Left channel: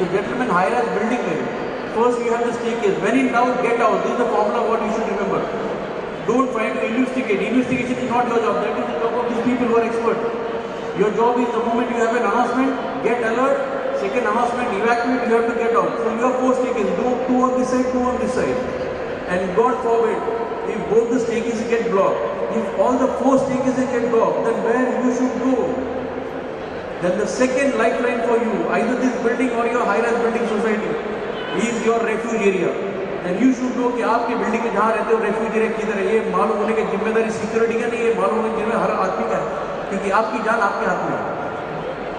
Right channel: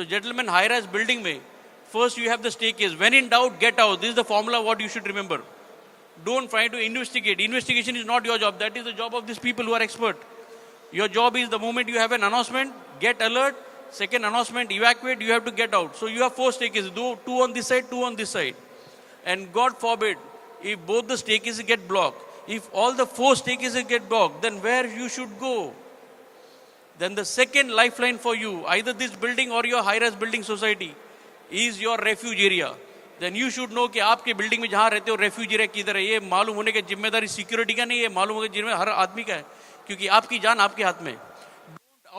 So gentlemen, high-rise building में first you have the staircase. When in doubt, get out. This is the formula what you should remember. Don't try to investigate. Investigation is not your job. That is the job of these people who are expert. Your job is the moment you have an announcement, get alert. Second announcement, evacuate. You have to get out. So you have 4 staircases. Two on this side, 2 on this side. And God forbid, if both the staircases get blocked, if all the 4 staircases get blocked, then where you should go? Then the second lifeline for you, either this building or your high-rise building society, is your refuge area. Then you should know कि आपकी building में जहाँ रहते हो refuge area किधर है, ये मालूम होने की जिम्मेदारी सिक्योरिटी का नहीं है, मालूम होने की जिम्मेदारी हर आदमी का है, क्योंकि आपकी जान आपके हाथ में है।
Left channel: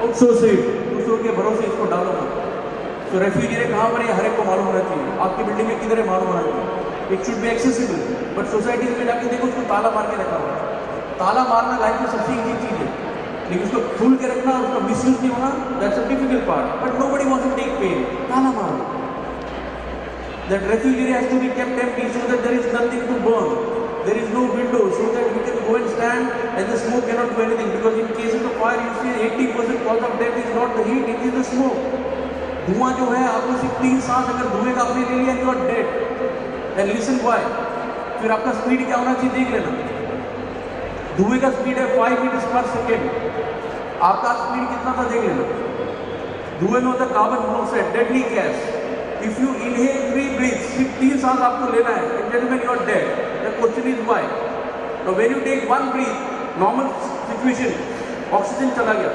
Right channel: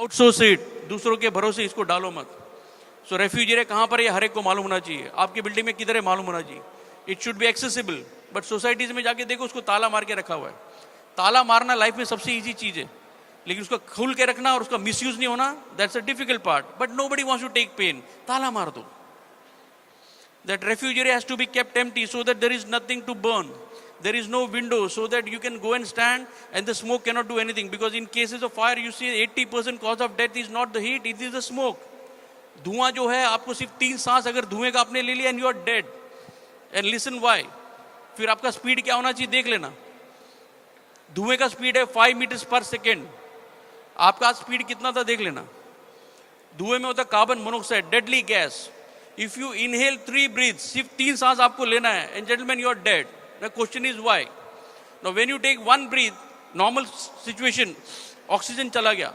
आउटसोर्सेड, दूसरों के भरोसे इसको डालो मत। तो रेफ्यूज एरिया कहाँ पर है हर एक को मालूम होना चाहिए, आपकी बिल्डिंग में किधर है मालूम होना चाहिए। It should be accessible. But societies में जाके देखो उसको ताला मार के रखा हुआ है। ताला मारना लाइफ में सबसे ईजी चीज़ है, लेकिन उसको खुल के रखना और उसका मिसयूज नहीं होना, that's a difficult part. But nobody wants to take pain. ताला मार दो। That refuge area has to be kept empty so that there is nothing to burn. There is no window so that you can go and stand and the smoke cannot do anything. Because in cases of fire, you see 80% cause of death is not the heat, it is the smoke. धुआं जो है आपको सिर्फ 3 सांस अगर धुएं का आपने ले लिया and you are dead. And listen why. फिर आपका स्पीड क्या होना चाहिए देख लेना। धुएं का स्पीड है 5 मीटर्स पर सेकेंड। आपका स्पीड कितना था देख लेना। धुएं में होता है carbon monoxide, deadly gas. If you inhale 3 breaths, सिर्फ 3 सांस आपको लेना है, and gentlemen, you are dead. The question is why? Now, when you take 1 breath, normal situation, oxygen चला गया,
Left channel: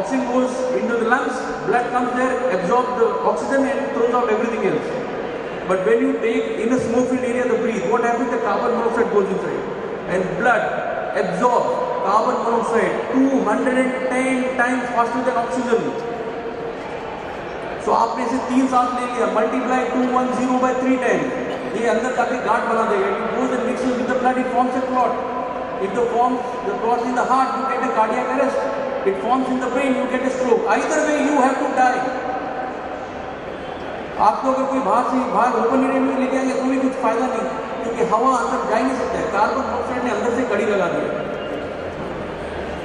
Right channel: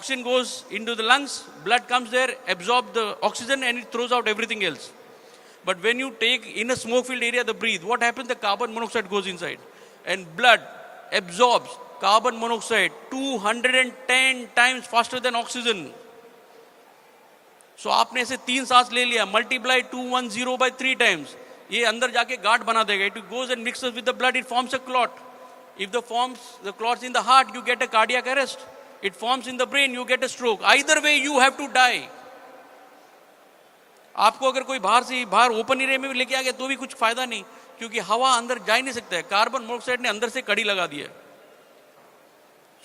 oxygen goes into the lungs, blood comes there, absorb the oxygen, and it throws out everything else. But when you take in a smoke-filled area the breathe, what happens? The carbon monoxide goes inside, and blood absorbs carbon monoxide 210 times faster than oxygen. तो आपने से 3 सांस ले लिया, multiply 210 by 3 times, ये अंदर जाके गांठ बना देगा। It goes and mixes with the blood, it forms a clot. If the clots in the heart, you get a cardiac arrest. It forms in the brain, you get a stroke. Either way, you have to die. आपको अगर कोई बाहर open area में लेके आएंगे तो भी कुछ फायदा नहीं, क्योंकि हवा अंदर जा ही नहीं सकता है। कार्बन मोनोऑक्साइड ने अंदर से कड़ी लगा दिया।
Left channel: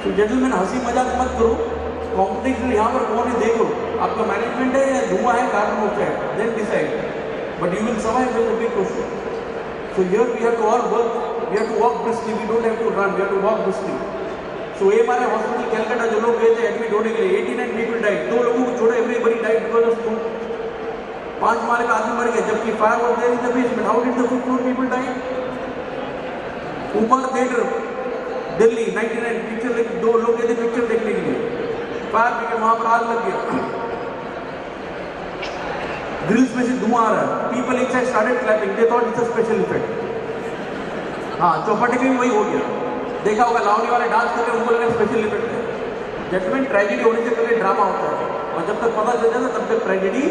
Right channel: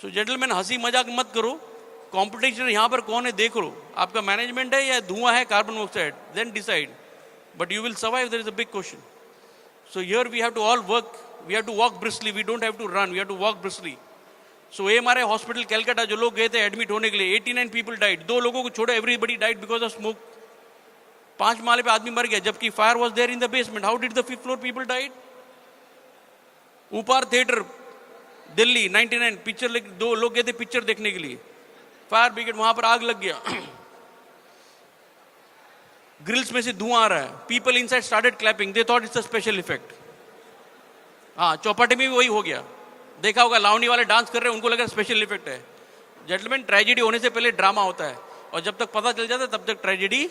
तो जेंटलमैन, हंसी मजाक मत करो। कॉम्पिटिशन यहाँ पर कौन है देख लो, आपका मैनेजमेंट है या धुआं है carbon monoxide, then decide. But you will survive, there is a big question. So here we have to all work, we have to walk briskly, we don't have to run, we have to walk briskly. So MRI hospital Calcutta जो लोग गए थे admit होने के लिए, 89 people died. 2 लोगों को छोड़ो, everybody died because of smoke. 5 माले पे आदमी मर गया, जबकि fire was there in the basement. How did the 5th floor people died? ऊपर थिएटर दिल्ली 99 पिक्चर 2 लोग गए थे पिक्चर देखने के लिए, फायर ब्रिगेड वहां पर आग लग गया, ग्रिल्स में से धुआं आ रहा है। People inside started clapping, they thought it's a special effect. हाँ, चौपाटी में भी वही हो गया। देखा होगा लावनी वाले डांस कर रहे हैं, उनको लगा स्पेशल इफेक्ट है। जेंटलमैन, ट्रेजेडी होने से पहले ड्रामा होता है, और जब तक पता चल जाता है तब तक ट्रेजेडी